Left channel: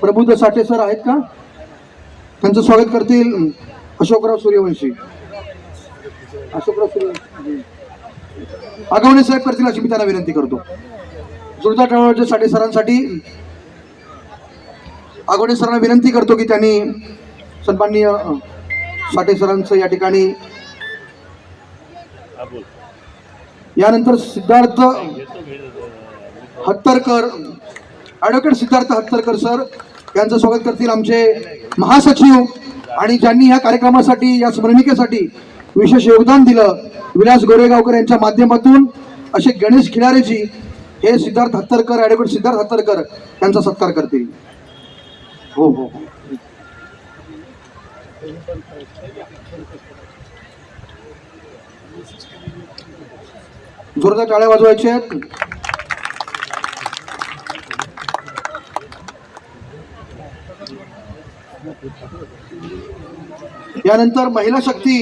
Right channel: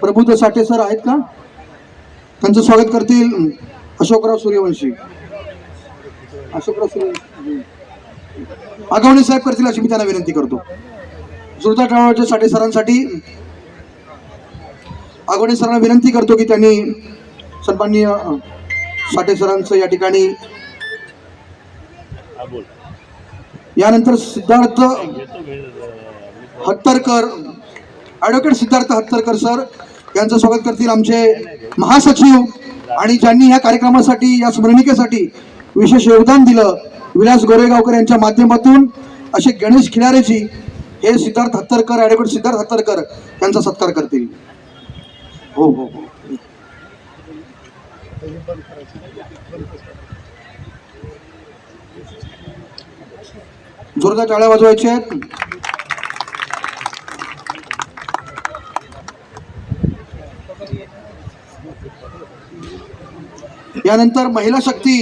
प्रबुद्ध साठे सर आहेत का? त्यांचं स्वागत करतील अशोकराव सूर्यवंशी. आगवणे साहेब करतील अशी मी त्यांना विनंती करतो. जोरदार टाळ्या साठे सरांसाठी. आगवणे सरांना विनंती करतो की त्यांनी सन्माननीय साठे सरांचं या ठिकाणी. यानंतर सिद्धार्थ हत्तरकर, ॲडव्होकेट सिद्धार्थ हत्तरकर सर यांचं स्वागत करतील आमचे महासचिव आणि ज्यांनी या कार्यक्रमासाठी, या स्मरणिकेसाठी विशेष योगदान दिलं, विलास गोरेगावकर यांच्या माध्यमातून असे गणेश खिलारेजी हे सिद्धार्थ हत्तरकर, ॲडव्होकेट सिद्धार्थ हत्तरकर यांचा सत्कार करतील. हो हो हो. जोरदार टाळ्या वाजवायच्या आहेत. यानंतर महिला शक्ती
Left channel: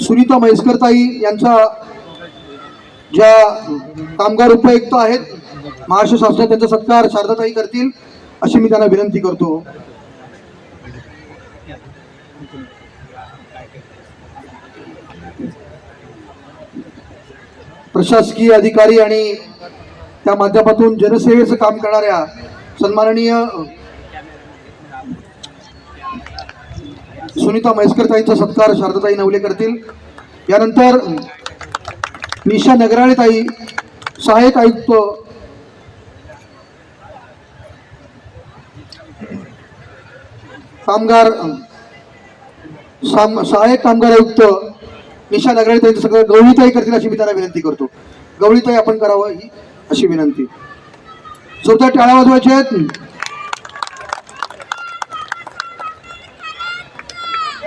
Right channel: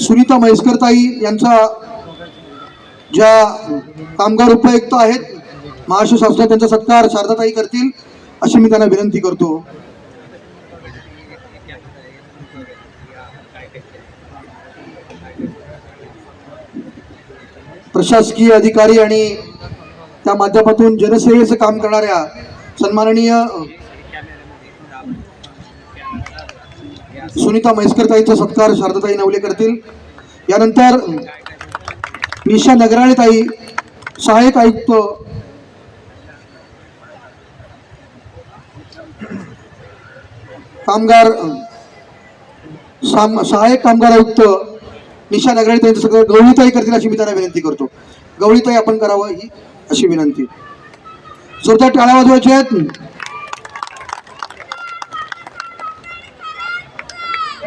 सुनीता म्हैसकरताई यांचा ज्या कामगार उपयुक्त आहेत महाराष्ट्र शासनात, त्यांचा सत्कार शारदाताई करतील अशी मी त्यांना विनंती करतो. प्रशासकीय अधिकारी आणि त्या माध्यमातून जनसेवेचं काम करणाऱ्या सन्माननीय सुनीता म्हैसकरताईंचा सत्कार शारदाताई नवले करतील. यानंतर निशा नगराळेताई सहाय्यक आयुक्त, कामगार सहाय्यक कामगार आयुक्त निशा नगराळेताईंचं सगळं गवळीताई करतील अशी मी त्यांना विनंती करतो. गवळीताई आपण करावं ही अशी विनंती. जोरदार टाळ्या वाजवायच्या आहेत.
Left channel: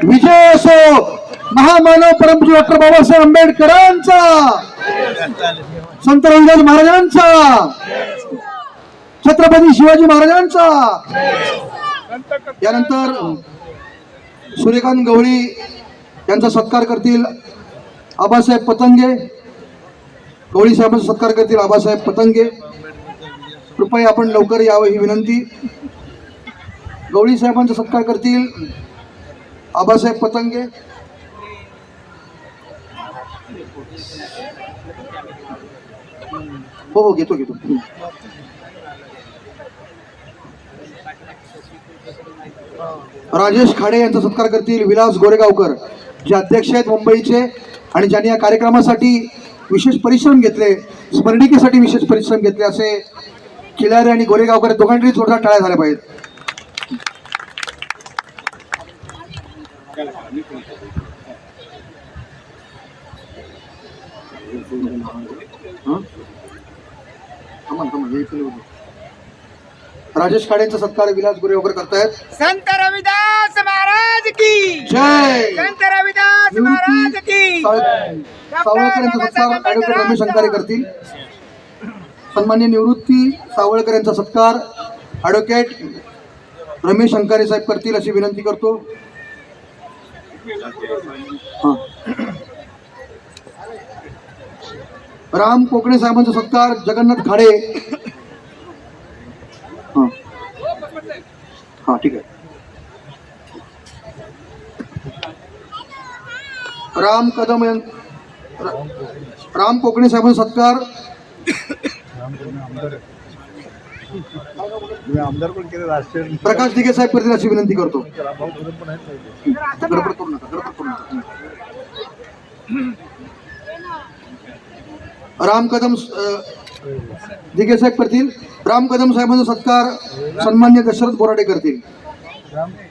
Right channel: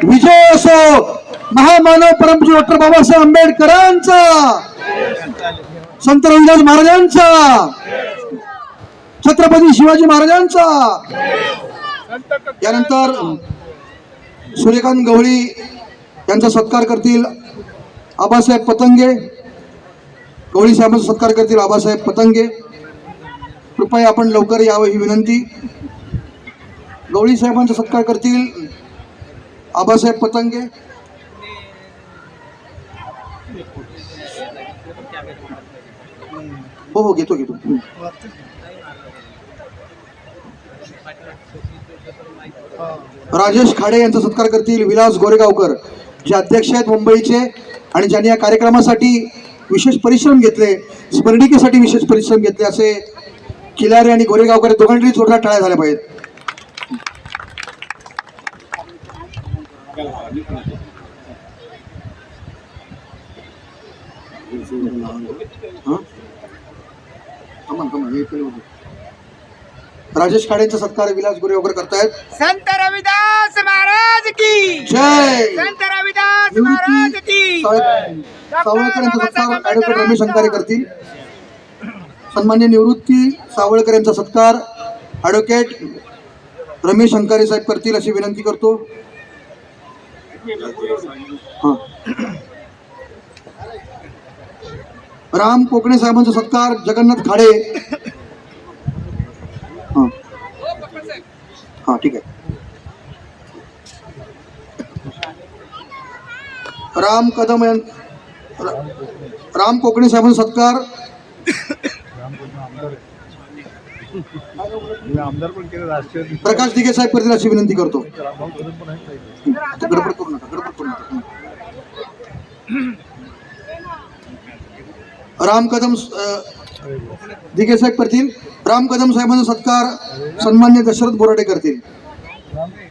विजय असो महामानव परमपूज्य डॉक्टर बाबासाहेब आंबेडकरांचा, संत रविदास महाराजांचा, छत्रपती शिवाजी महाराजांचा. यानंतर सूर्यकांत गवळी यांचा सत्कार करतील आबासाहेब पतंगे. गवळी साहेबांचा सत्कार करतील आबासाहेब पतंगे. कृपया आपण लवकर यावं ही विनंती. गवळी साहेबांचा सत्कार करतील आबासाहेब पतंगे. हो हो घेतो. राजेश खाडे यांचा सत्कार करतील विलास गोरेगावकर, जे अध्यक्ष आहेत मुंबईचे आणि ज्यांनी या कार्यक्रमासाठी विशेष परिश्रम घेतले, स्मरणिकेसाठी विशेष परिश्रम घेतले असे खिलारे आणि गोरेगावकर दोघांनी जोरदार टाळ्या झाल्या पाहिजेत. राजेश खाडेंचा सत्कार विलास गोरेगावकर करतायत. संत रविदास महाराज की जय. संत रविदास महाराज की सावळकर यांचा सत्कार ॲडव्होकेट रमेश अंकारे करतील. सन्मान्य निवृत्ती सावळकर यांचा सत्कार ॲडव्होकेट रमेश अंकारे साहेब करतील अशी विनंती करतो. राम कोकणे साहेबांचा सत्कार जगन्नाथ खाडे. हा ठीक आहे. राम कोकणे साहेबांचा सत्कार प्रकाश दिघे साहेब करतील अशी विनंती करतो. राम कदम दिघे साहेब करतील. राम कदम साहेबांचा सत्कार सन्मान्य दशरथ बोराडे करतील.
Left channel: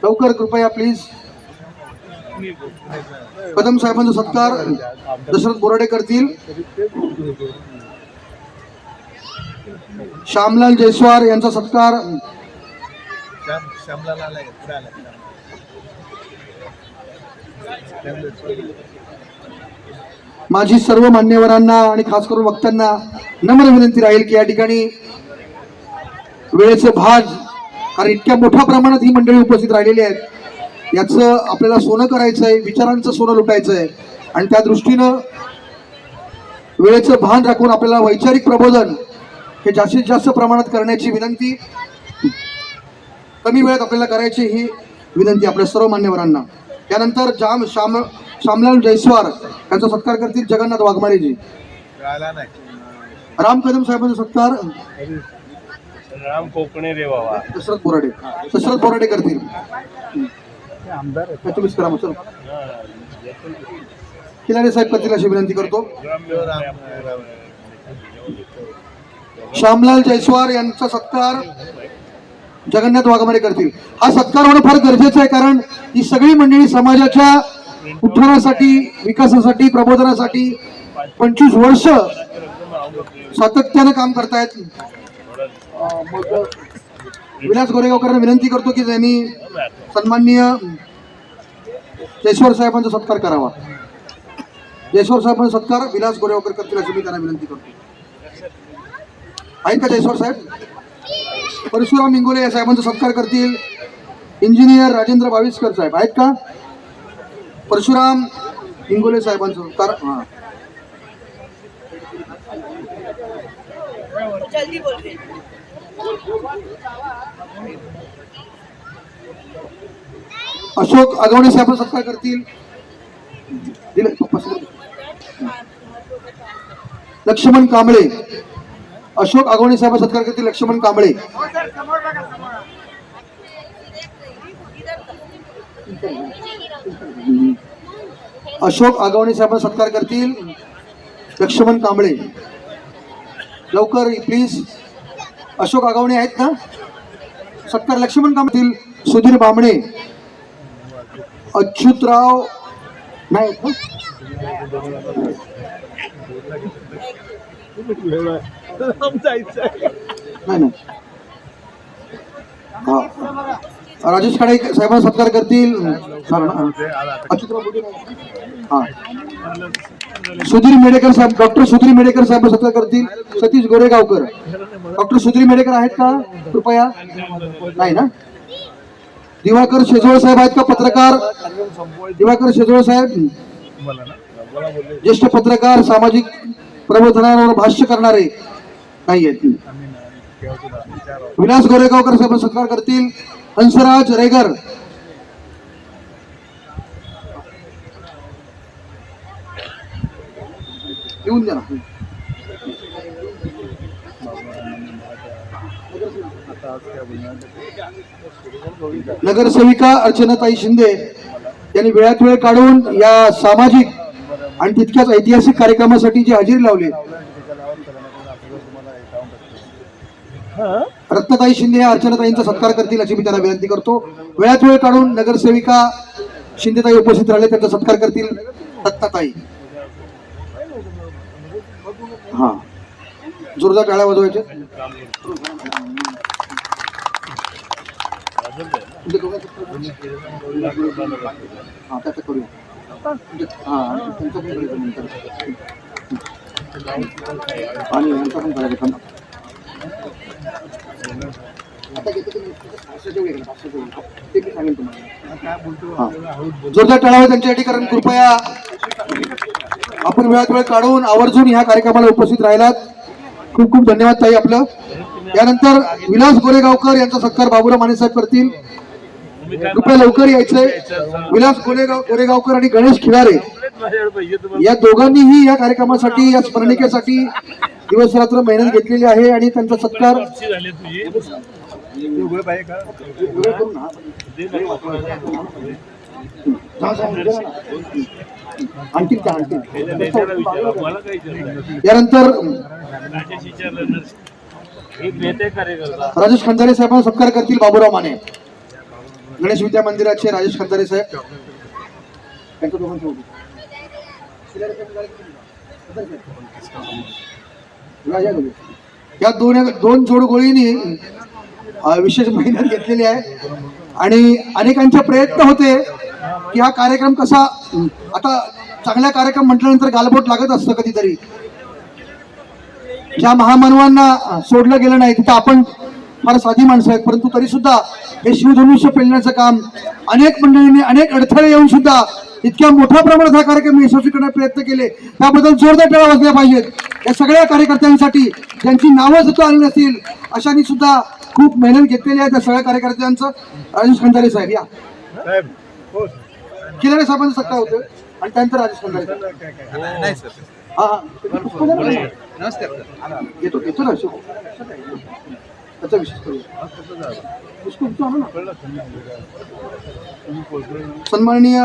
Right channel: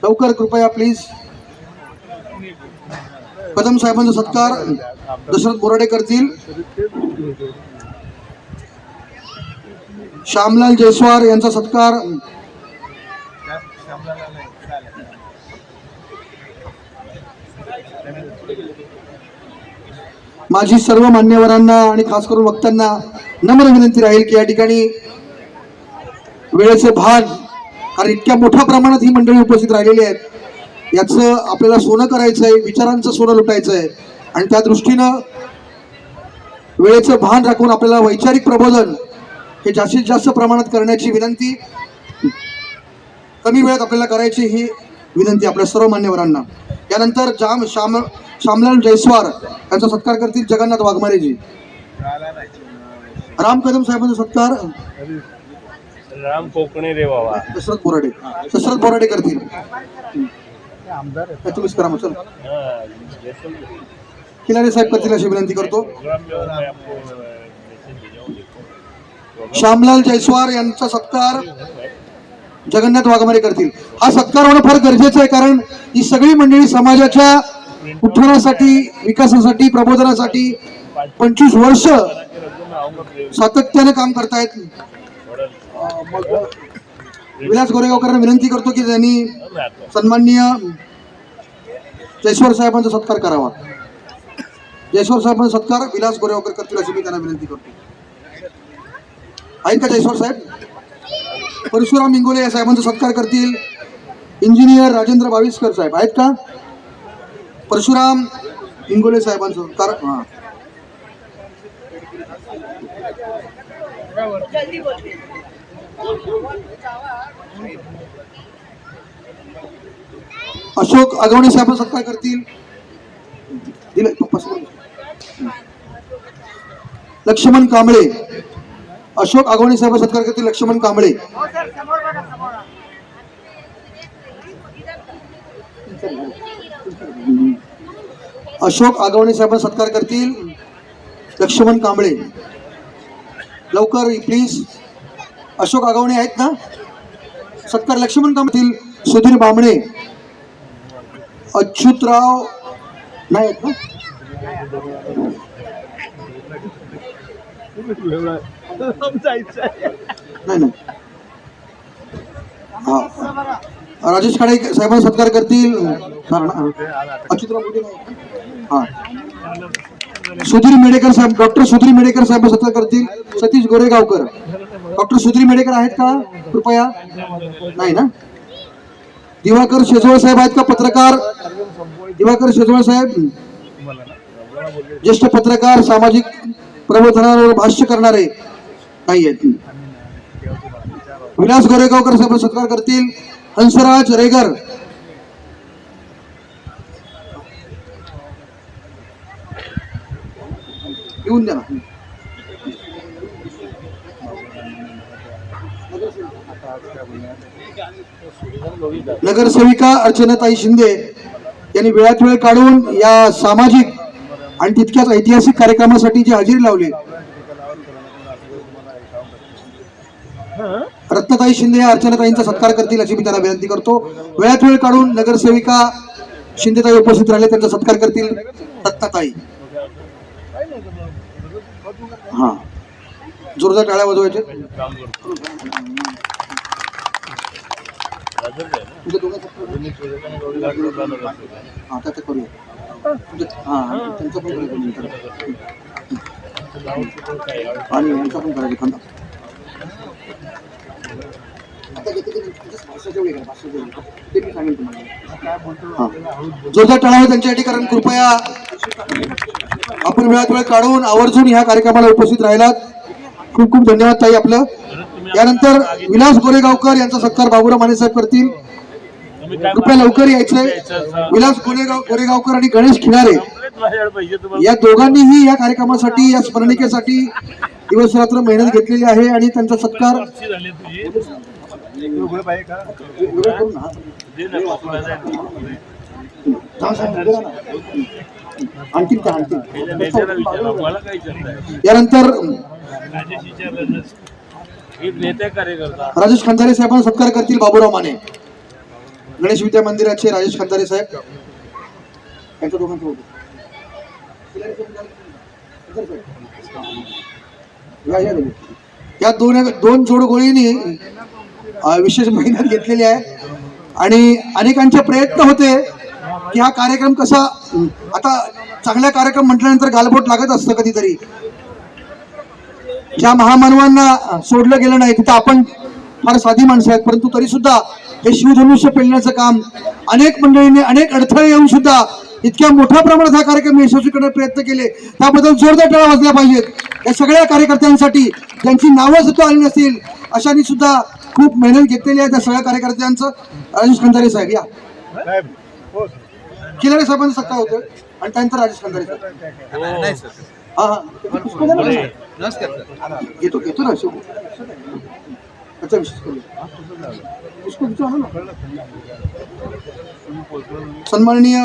लवकर कृपया प्लीज. कदम साहेबांचा सत्कार दशरथ बोराडे करतील. श्यामलाल जयस्वार यांचा सत्कार माझी सर्व मान्यवरांना आणि खास करून वक्त्यांना नम्र विनंती राहील की या ठिकाणी वेळेचे भाग, आणि इतक्या मोठ्या प्रमाणात ही मंडळी उपस्थित राहिलेली आहेत, याचं आपल्याला सोनं करायचंय, विचारांचं सोनं लुटायचंय आणि त्या दृष्टीनं वेळेचं भान राखून आपल्याला वैचारिक प्रबोधन हे जास्तीत जास्त प्रमाणात करण्याची विनंती, कमी वेळात आपल्याला करायची ही विनंती आपल्या सर्व मान्यवरांना. त्यानंतर श्यामलाल जयस्वार यांचा सत्कार करतील जगन्नाथ वाघमारेजी. राम कदम साहेबांचा सत्कार राम कोकणे रे बाबा. दशरथ बोराडे करतील. तुम्हीच करा मग. चलो खिलारे साहेब करतील अशी विनंती करतो. श्यामलाल जयस्वार यांचा सत्कार जगन्नाथ वाघमारे करतील. हा सत्कार होणं फार गरजेचं आहे, कारण ही सगळी मंडळी समाजाच्या उत्थानासाठी, विकासासाठी, प्रबोधनासाठी 25 वर्ष सातत्याने काम करतायत. विलास गोरेगावकरांना विनंती करतो की त्यांनी सन्माननीय जयस्वार साहेबांचा सत्कार करावा. जयस्वार साहेबांचा सत्कार विलास गोरेगावकर करतील अशी मी त्यांना विनंती करतो. आहेत का जयस्वार साहेब? परशुराम इंगोले या साहेबांचा सत्कार करतील इंजिनियर राजेंद्र बाविस्कर साहेब. आहेत का? परशुराम इंगोले साहेबांचा सत्कार. अशोक अगवणे साहेबांचा सत्कार करतील लक्ष्मण कांबळे. अशोक अगवणे साहेब सत्कार करतील लक्ष्मण कांबळे. हो सर, समोर बघा, समोर. अशोक आगवणे साहेब सत्कार करतील लक्ष्मण कांबळे. लवकर प्लीज. अशोक आगवणे आहेत ना? सत्कार लक्ष्मण कांबळे. सुधीर बामणे, अच्युतराव नाही आहेत ना? नाही ना. राजेश खाडे साहेब सत्कार करतील सुधीर मेडेकर साहेब. डॉक्टर सुधीर मेडेकर साहेब सत्कार करतील सतीश गोरेगावकर. डॉक्टर सुधीर मेडेकर आहेत का कृपया? नाही ना. दिवाकर शेजवळ साहेब आहेत का? पत्रकार दिवाकर शेजवळ साहेब, ज्येष्ठ पत्रकार, सामाजिक प्रबोधनावर भाष्य करणारे नाही आहेत. विलास गोरेगावकर साहेब सत्कार करतील हंसराज रेगर. येऊन द्या. नगरसेविका अर्चनाताई शिंदे यांनी वेळात वेळ काढून या सामाजिक आणि तितक्याच ऐतिहासिक कार्यक्रमासाठी जी हजेरी लावली. रत्नताई शिंदे या अर्चनाताईंचा सत्कार करतील अशी मी त्यांना विनंती करतो. वेळात वेळ काढून नगरसेविका शिंदेताई उपस्थित राहिले, त्यांचा सत्कार करतील रत्नताई. हा, जोरदार टाळ्या वाजवायच्या. जोरदार टाळ्या त्यांच्यासाठी, कारण कृपया आपण वेळात वेळ काढून आवर्जून ह्या कार्यक्रमाला उपस्थित राहिलात. खूप खूप धन्यवाद ताई आपलं. यानंतर विलास गोरेगावकर यांचा सत्कार बाबूराव माने साहेब करतील. कृपया लवकर यायचंय. विलास गोरेगावकर आणि गणेश खिलारे या दोघांनीही या कार्यक्रमासाठी, या स्मरणिकेसाठी दिवस रात्र मेहनत घेतलेली आहे आणि त्यांचा सत्कार यानंतर राजेश खंदारे साहेबांना सत्कार करतील बाबूराव माने. गणेश विद्या मंदिराचे राजेश खंदारे साहेब, त्यांच्या दोघांचं या दोन जोडगोळींनी विशेष मेहनत घेतलेली आहे आणि अनेकांचे प्रयत्न होते की हा कार्यक्रम कसा. आता चांगला कार्यक्रम म्हटल्यानंतर गालबोट लागत असतं कधीतरी. ज्या महामानवांना सोडलं गेलं नाही तिथं आपण फार साधी माणसं आहेत, परंतु तरी सुद्धा हे शिवधनुष्य पेलण्याचं काम अनेक मंडळींनी, अनेक अडथळे येऊन सुद्धा इतक्या मोठ्या प्रमाणात हा कार्यक्रम यशस्वी करण्याचे प्रयत्न केले. त्याबद्दल जोरदार टाळ्या वाजल्या पाहिजेत या सगळ्या कार्यकर्त्यांसाठी. ज्यांची नावं सुद्धा आली नसतील अशांनी सुद्धा खूप मेहनत घेतलेली आहे त्या सगळ्या कार्यकर्त्यांचं. राजेश खंदारे साहेब या, खिलारे साहेबांचा सत्कार होतो आणि त्यानंतर राजेश खंदारे साहेब. हा हा घेतो घेतो ना त्याचा विशेष करूया. सन्माननीय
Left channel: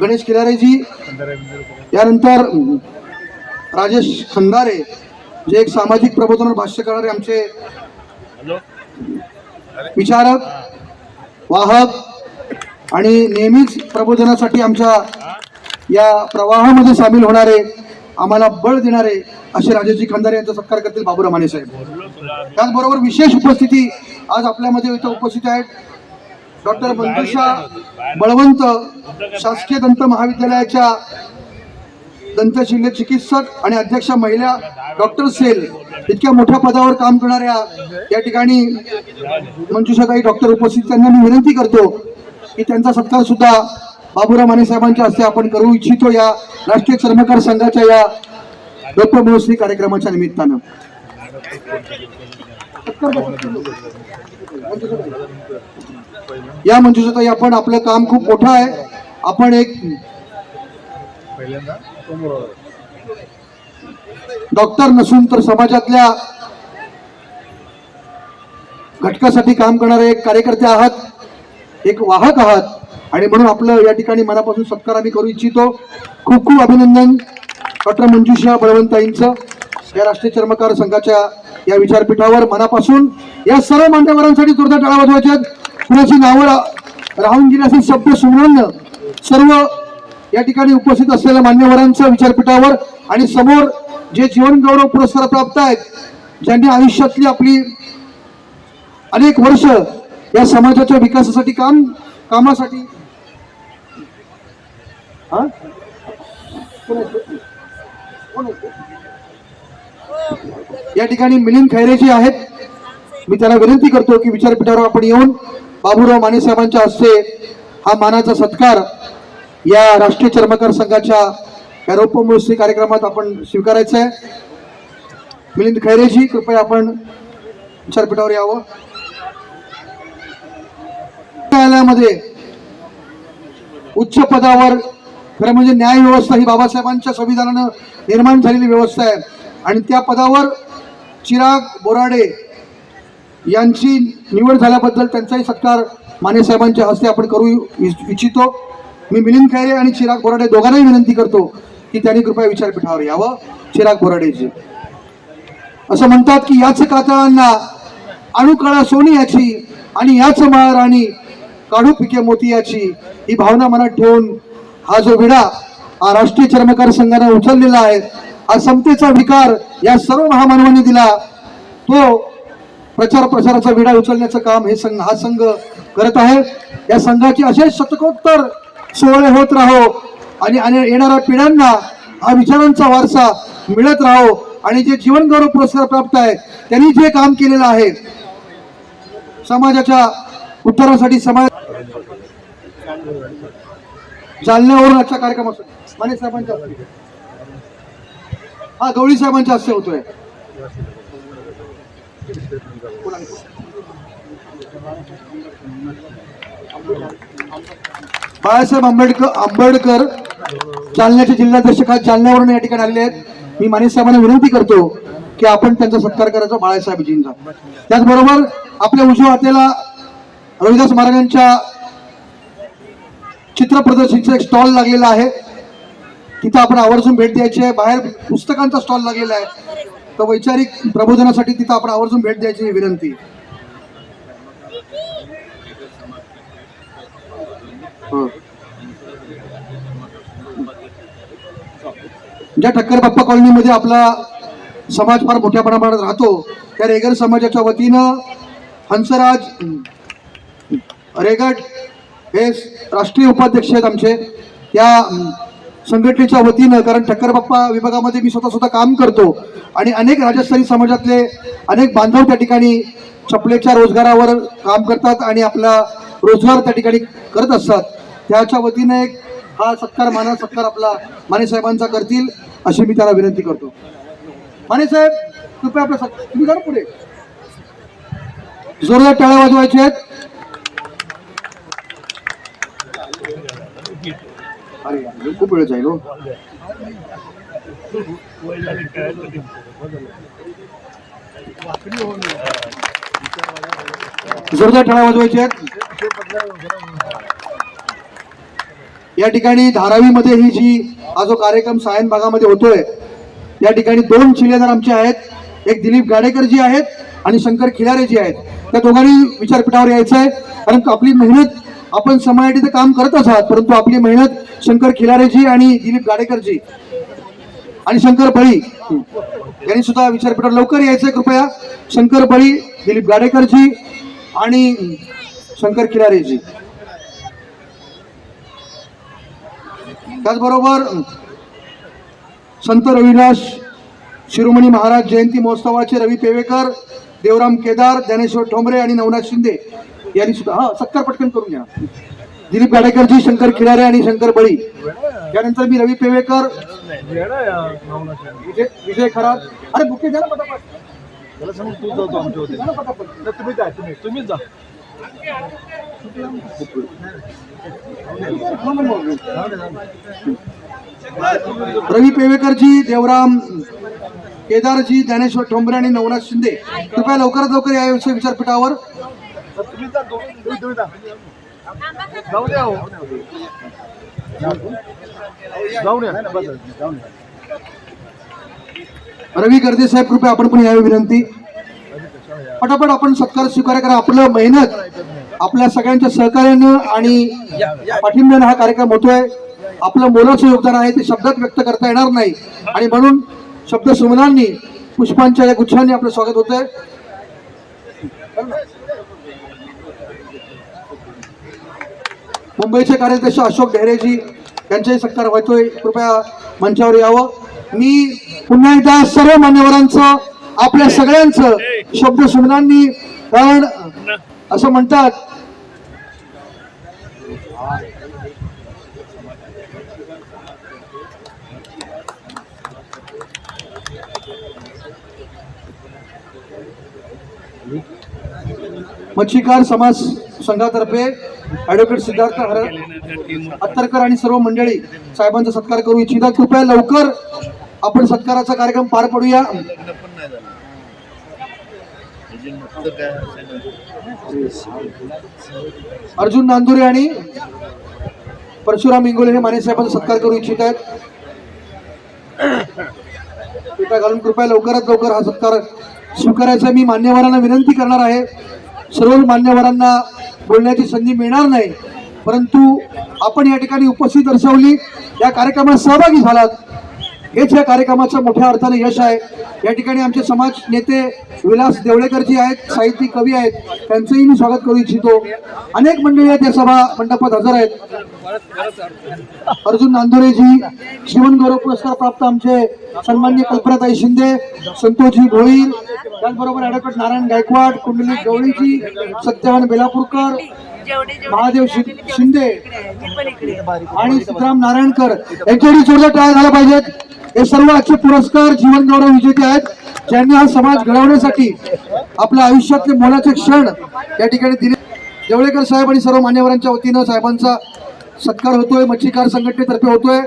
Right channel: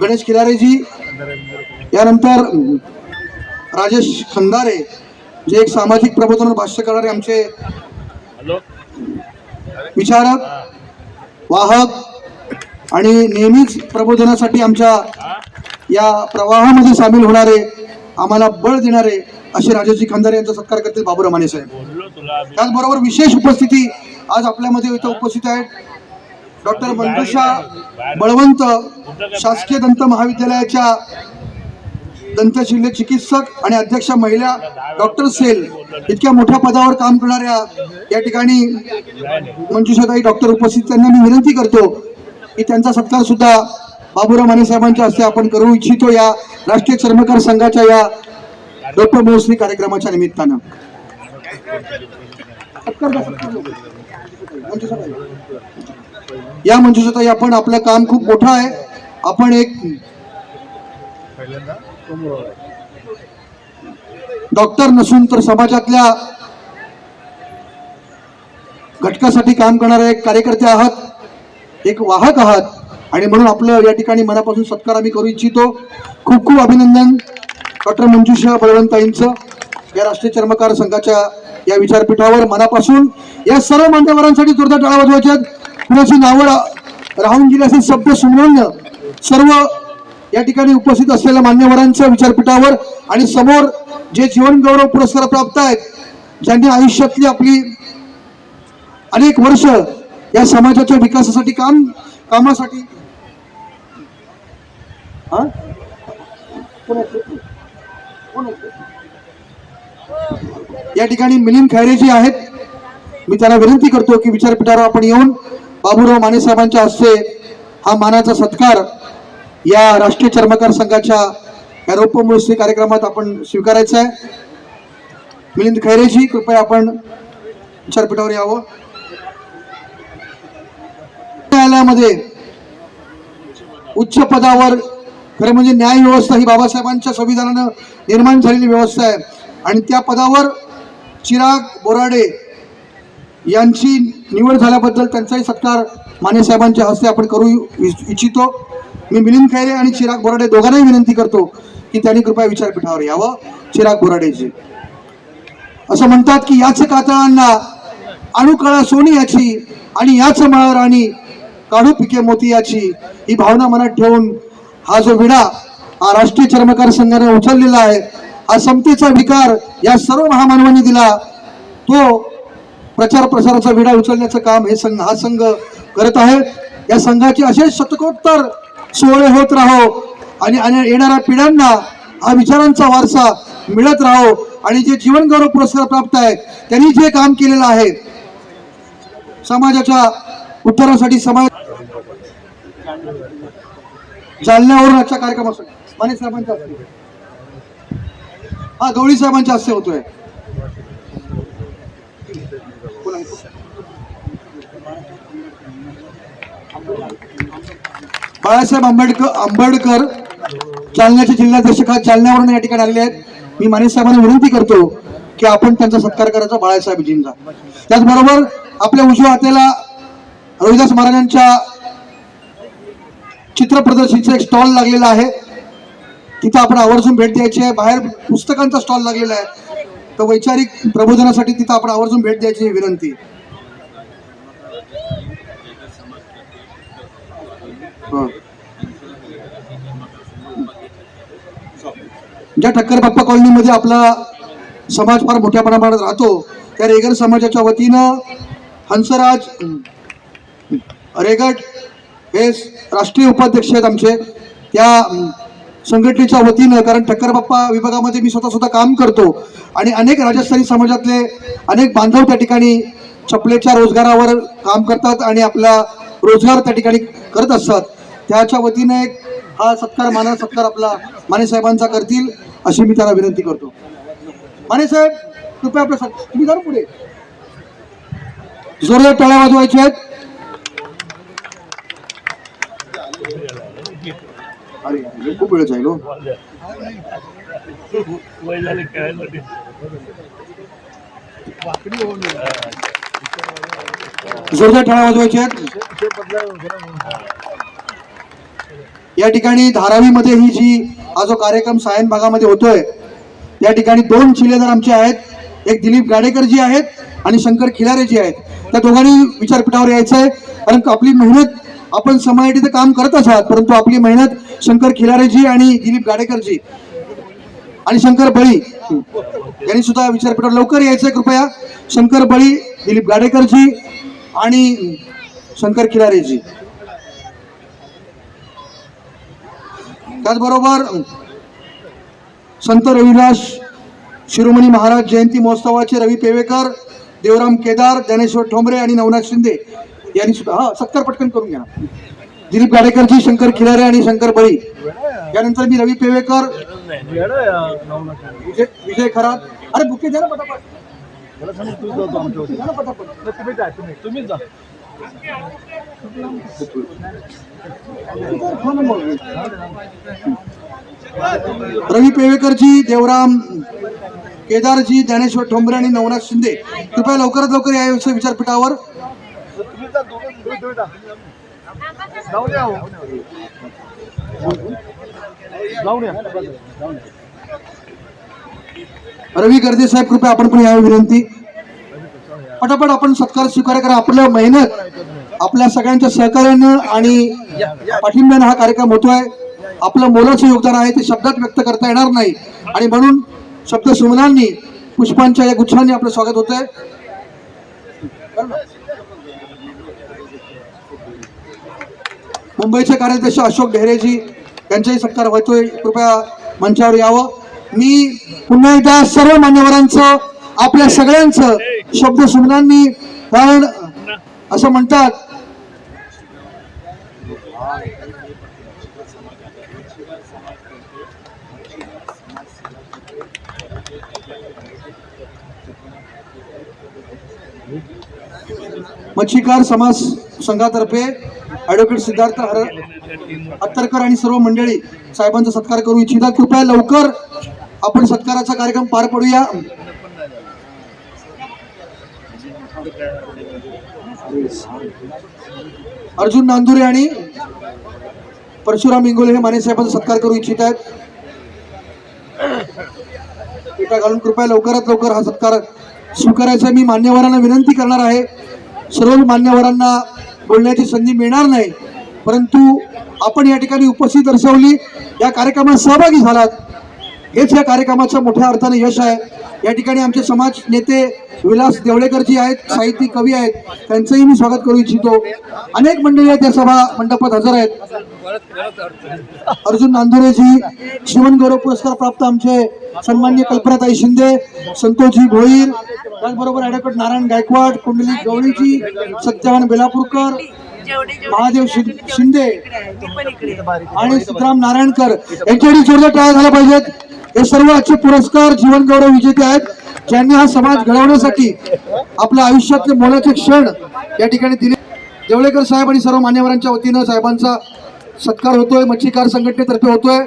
गणेश खिलारेजी, यानंतर राजेश खंदारे जे एक सामाजिक प्रबोधन भाष्य करणारे आमचे विचारक, वाहक आणि नेहमीच प्रबोधनासाठी आमच्या या प्रवाहामध्ये सामील होणारे, आम्हाला बळ देणारे असे राजेशजी खंदारे यांचा सत्कार करतील बाबूराव माने साहेब. त्याचबरोबर विशेष उपस्थिती आज आपल्यामध्ये इथं उपस्थित आहेत डॉक्टर मंजुषा बळवंत, शासकीय दंत महाविद्यालयाच्या दंतशल्य चिकित्सक आणि अध्यक्ष महिला डॉक्टर सेल इतक्या मोठ्या पदावर काम करणाऱ्या या ठिकाणी मंजुषाताई डॉक्टर उपस्थित, त्यांना मी विनंती करतो की त्यांचा सत्कार सुद्धा बाबूराव माने साहेबांच्या हस्ते आपण करू इच्छितो या राष्ट्रीय चर्मकार संघाच्या या डॉक्टर महोत्सवी कार्यक्रमाच्या निमित्तानं. या मंजुषाताई, आपण आपलं काम खूप मोठं आहे. आपण एक डॉक्टर नसून तर समाजातल्या घटकासाठी काम करणारे एक कार्यकर्ते आहात, एक वाहक आहात आणि म्हणून आपलं या ठिकाणी मनापासून सत्कार आम्ही करू इच्छितो. खूप खूप अभिनंदन डॉक्टर मंजुषा बळवंताईंचं या राष्ट्रीय चर्मकार संघाच्या या विचारपीठावर मनापासून. या सर्व मान्यवरांसाठी जोरदार टाळ्या वाजवायच्यात. कुणाची नावं राहून गेली असेल शब्द सुमरण सर्व या ठिकाणी उपस्थित असलेल्या मान्यवरांच्या विचारपीठावर आणि समोर जे जीवन गौरव पुरस्कार प्राप्त आहेत, ज्यांनी आयुष्यातली आपली अनेक वर्ष या समाजाच्या विकासासाठी कामासाठी या ठिकाणी मिलिंद खैरेजी आहेत. मी त्यांना विनंती करतो की विचारपीठावर आपण येऊन बाबूराव माने साहेबांच्या हस्ते हा मानाचा सत्कार या राष्ट्रीय चर्मकार संघाच्या या रौप्य महोत्सवी कार्यक्रमात आपण स्वीकारायचा आहे. मिलिंद खैरेजी, कृपया आपण विचारपीठावर यावं. न्यायालयामध्ये उच्च पदावर खरं म्हणजे न्याय व्यवस्था ही बाबासाहेबांच्या संविधानानं निर्माण झालेली व्यवस्था आहे आणि त्या पदावर चिराग बोराडे यांची निवड झाल्याबद्दल त्यांचाही सत्कार माने साहेबांच्या हस्ते आपण करू इच्छितो. मी मिलिंद खैरे आणि चिराग बोराडे दोघांनाही विनंती करतो की त्यांनी कृपया विचारपीठावर यावं. चिराग बोराडेजी असं म्हणतात की याच कातळांना अणुकळा सोनी याची आणि याच महाराणी काढू पिके मोती याची, ही भावना मनात ठेवून हा जो विडा हा राष्ट्रीय चर्मकार संघाने उचललेला आहे, हा समतेचा विकार या सर्व महामानवांनी दिला, तो प्रचार प्रसाराचा विडा उचलण्याचं काम हा संघ करत आहे. या संघाचे असे शतकोत्तर सोहळे होत राहो आणि येणाऱ्या पिढ्यांना हा विचारांचा वारसा मिळत राहो आणि जे जीवन गौरव पुरस्कार प्राप्त आहे त्यांनी जे काम केलेलं आहे समाजाच्या उत्तरासाठी, समाज जालन्यावरून आजच्या कार्यक्रमासाठी माने साहेबांच्या हस्ते, हा गवळी साहेबांच्या हस्ते होतोय. बाळासाहेब आंबेडकर जालन्याचे जिल्हाध्यक्ष जालन्यावरून या ठिकाणी आलेले आहेत. मी माने साहेबांना विनंती करतो की आपण त्यांचा सत्कार करायचा बाळासाहेबजींचा. त्याचबरोबर आपल्या उजव्या हाताला रविदास महाराजांच्या चित्र प्रदर्शनीचा एक स्टॉल लागलेला आहे, तिथं आपण आवर्जून भेट द्यायची आहे. बाहेर पुस्तकांचा स्टॉल लागलेला आहे, तर वैचारिक प्रबोधनासाठी तिथं आपण आवर्जून भेट द्यायची विनंती. ज्या ठक्कर बाप्पा कॉलनीमध्ये आपला समाज फार मोठ्या प्रमाणात राहतो, त्या रेगर समाजाच्या वतीनं हंसराज रेगट हे राष्ट्रीय उपाध्यक्ष आहेत आमचे, त्या संघटनेच्या वतीनं, कारण ठक्कर बाप्पा विभागामध्ये मी स्वतः काम करतो आणि अनेक राजस्थानी समाजातले अनेक बांधव त्या ठिकाणी चपलेच्या रोजगारावर काम करतात आणि आपला रोजगार त्या ठिकाणी करत असतात. त्याच्या वतीने एक हा सत्कार आपला माने साहेबांचा करतील अशी मी त्यांना विनंती करतो. माने साहेब कृपया आपल्या तुम्ही जरा पुढे जोरदार टाळ्या वाजवायच्या आहेत. अरे यार, खूप वेळ जाईल हो. वय झाले खेळायसाठी. जोरदार टाळ्या वाजवायच्या आहेत. या ठिकाणी धारावीमध्ये ही जी हा जो कार्यक्रम सायन भागामध्ये होतोय या ठिकाणी 2 चिलेदार आमचे आहेत. एक दिलीप गाडेकरजी आहेत आणि शंकर खिलारेजी आहेत. त्या दोघांनी विचारपीठावर यायचं आहे कारण आपली मेहनत आपण समाजासाठी काम करतच आहात परंतु आपली मेहनत शंकर खिलारेजी आणि दिलीप गाडेकरजी आणि शंकर बळी यांनी सुद्धा विचारपीठावर लवकर यायचंय कृपया. शंकर बळी, दिलीप गाडेकरजी आणि शंकर खिलारेजी. त्याचबरोबर संत रविदास शिरोमणी महाराज जयंती महोत्सवाचे रवी पेवेकर, देवराम केदार, ज्ञानेश्वर ठोंबरे आणि नवनाथ शिंदे यांनी सुद्धा सत्कार पटकन करून घ्या. दिलीप गाडेकरजी, शंकर खिलारे आणि शंकर बळी. यानंतर मी रवी पेवेकर, विजय खरात. अरे बुके द्या ना पटापट. मला सांग तू जातो आमच्या होती तुम्हीच जा. रवी पेवेकरजी, देवराम केदारजी, ज्ञानेश्वर ठोंबरे आणि नवनाथ शिंदे कृपया लवकरात लवकर याविषयी विचारपीठावर. तुम्हीच जा, दोघे जा. जाऊ द्या हो. जाऊ द्या. रवी गर्दे साहेब कृपया आपण पण यावी विनंती. पटापट आपण सत्कार स्वीकार करा. आपलं मेहनत आपल्या सगळ्यांच्या सहकार्यानं आणि पाठिंब्यानं हा कार्यक्रम होतोय. आपलं मोलाचं योगदान आहे ते शब्दात व्यक्त करता येणार नाही आणि म्हणून शब्द सुमनांनी पुष्पांच्या या गुच्छांनी आपलं स्वागत होतंय. मुंबईचे कार्याध्यक्ष अशोक ढेरेजी यांचाही सत्कार होतोय. कृपया मंचावर यावं. मी पुन्हा एकदा सर्व मान्यवरांचं आपल्या सगळ्यांचं शब्द सुमनांनी कारण असं म्हणतात मच्छीकार समाज संघातर्फे ऍडव्होकेट सिद्धार्थ हत्तरकर आणि सर्व मंडळी साहेबांचा सत्कार करू इच्छितात. कृपया लवकर आपण सत्काराचा कार्यक्रम पार पडूया. अर्जुन नांदुरे आणि परशुराम इंगोले हे माने साहेबांचा सत्कार करू इच्छित आहेत. पिठा घालून कृपया लवकरात लवकर हा सत्कार स्वीकारायचा मी मान्यवरांना विनंती करणार आहे. सर्व मान्यवरांना बोलण्याची संधी मिळणार नाही परंतु आपण या ठिकाणी उपस्थित दर्शवली, या कार्यक्रमात सहभागी झालात हेच या कार्यक्रमाचं मोठ्या अर्थाने यश आहे. या ठिकाणी आमचे समाज नेते विलास देवळेकरजी आहेत, साहित्यिक कवी आहेत, त्यांचंही मी स्वागत करू इच्छितो. अनेक मंडळी आहेत या सभा मंडपात हजर आहेत. अर्जुन नांदुरेजी, जीवन गौरव पुरस्कार प्राप्त आमचे सन्माननीय कल्पनाताई शिंदे, संतोषजी भोईर, त्याचबरोबर ॲडव्होकेट नारायण गायकवाड, कुंडलिक गवळीजी, सत्यवान बेलापूरकर, महादेव शिंदे आणि सिद्धराम नारायणकर यांच्यासाठी जोरदार टाळ्या झाल्या पाहिजेत. हे सर्व आजचे पुरस्कार जीवन गौरव विजेते आहेत ज्यांनी हा समाज घडवण्यासाठी आपल्या आयुष्यातले मोलाचे क्षण या ठिकाणी दिले. देवळेकर साहेब आणि सर्व मान्यवरांच्या वतीनं साहेबांचा सत्कार होतोय, मच्छीकार संघटनेतर्फे होतोय.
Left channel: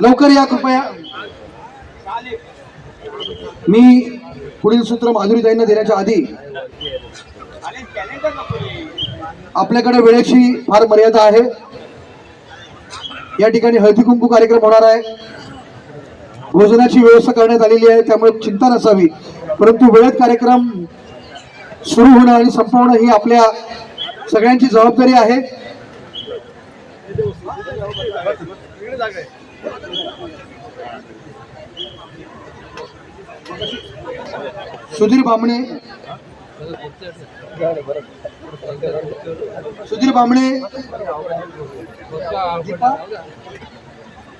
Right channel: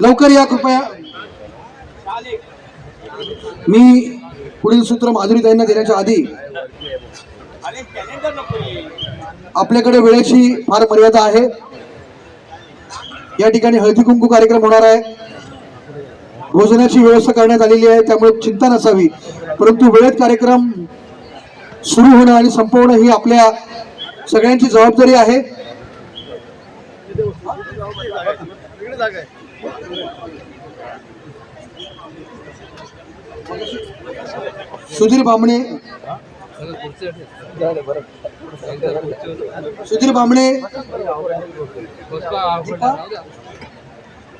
लवकर या कृपया. मी पुढील सूत्र माधुरीताईंना देण्याच्या आधी आपल्याकडे वेळेची फार मर्यादा आहे. या ठिकाणी हळदी कुंकू कार्यक्रम होणार आहे. भोजनाची व्यवस्था करण्यात आलेली आहे त्यामुळे चिंता नसावी परंतु वेळेत कार्यक्रम सुरू होणं आणि संपवणं ही आपल्या सगळ्यांची जबाबदारी आहे. सुधीर बामणे,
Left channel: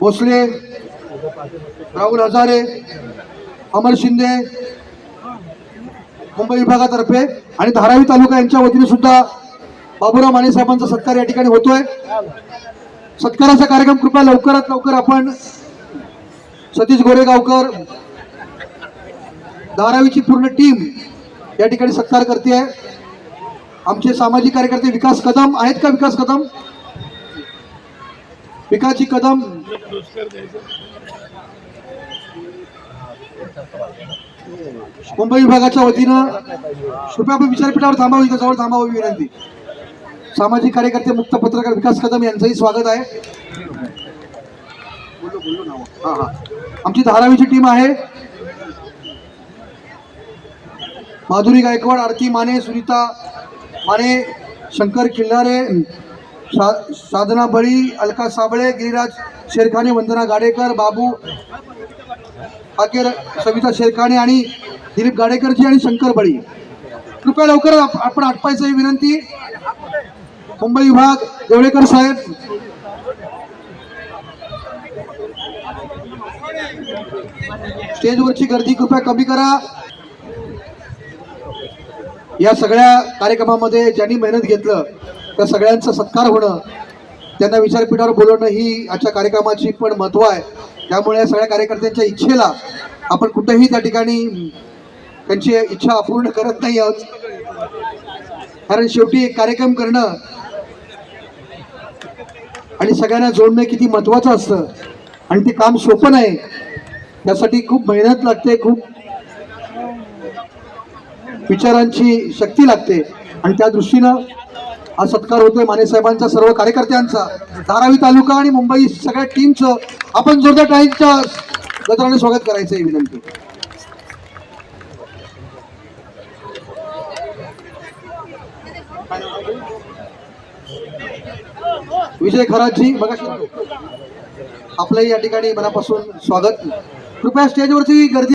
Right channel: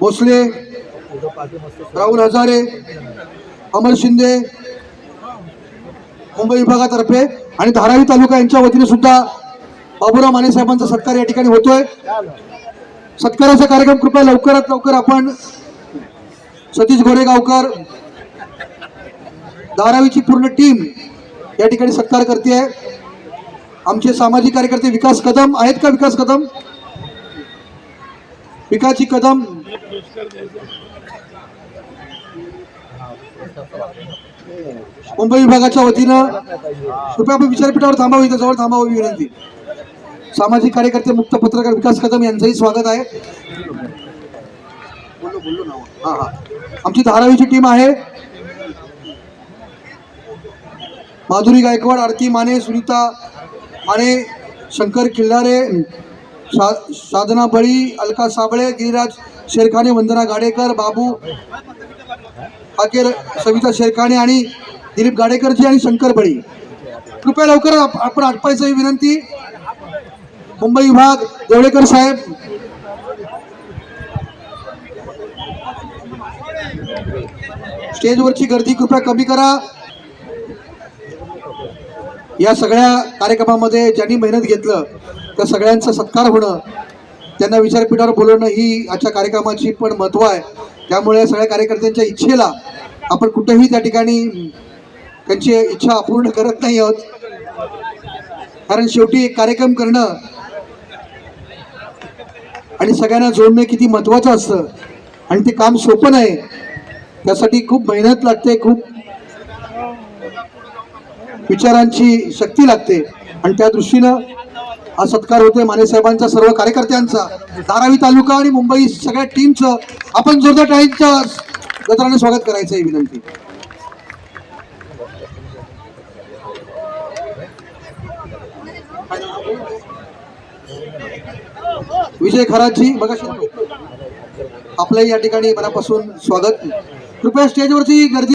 भोसले, राहुल हजारे, अमर शिंदे मुंबई विभागातर्फे आणि धारावी तालुका यांच्या वतीने सुद्धा बाबूराव माने साहेबांचा सत्कार या ठिकाणी होतोय. सत्काराचा कार्यक्रम कृपया लवकरात लवकर आपण सतीश गोरेगावकर धारावीची पूर्ण टीम या ठिकाणी सत्कार करते. आमचे सामाजिक कार्यकर्ते विकास कदम आहेत का? विकास कदम, विकासजी कदम, मुंबई विभागाच्या वतीनं कृपया आपण विचारपीठावर थांबावं, इथं जवळ थांबावं विनंती. सामाजिक कार्यकर्ते मुक्त पत्रकार विकास कदम यांचंही स्वागत आहे. आमची धारावीची टीम आहे. माधुरी गायकवाड, आरती माने, सुनीता माने, शंकर खिल्लारे, साधना बळी, अलका साबळे, गिरिराज शेरखाने, वंदना गाडेकर, बाबू आकेर, सविता शेरखाने आणि दिलीप गाडेकरजी आणि शंकर बळी. कृपया लवकर आपण आटपायचं ही विनंती. मुंबई विभाग देवळेकर साहेब, स्टेजवरची गर्दी कृपया कमी करा. या सगळ्या कार्यक्रमामध्ये ज्यांनी मेहनत घेतलं त्या सगळ्यांचा सत्कार होणं, त्यांना विचारपीठावर बोलवणं ही आजच्या कार्यक्रमाची पण महत्व आहे. त्यामुळे सगळ्या कार्यकर्त्यांच्या इच्छेला आपण कुठेही त्या ठिकाणी त्यांची इच्छा अपूर्ण करत नाही आहोत. कारण शेवटी एक कार्यक्रम करणं आणि सगळ्यांना जोडणं किती महत्वाचं असतं आणि ते काम सोपं नाही. त्यासाठी खूप मेहनत लागते, खूप विचारांची शक्ती लागते आणि त्या दृष्टीनं हा सत्कार होतोय माने साहेबांचा, सर्व कार्यकर्त्यांचा, धारावी तालुका आणि मुंबई सगळ्या टीमचं आपण जोरदार टाळ्यांच्या गजराने स्वागत करायचं आहे विनंती. विजय खरातजी बघा, आपलंही या ठिकाणी मनापासून स्वागत. कृपया स्टेजवरची गर्दी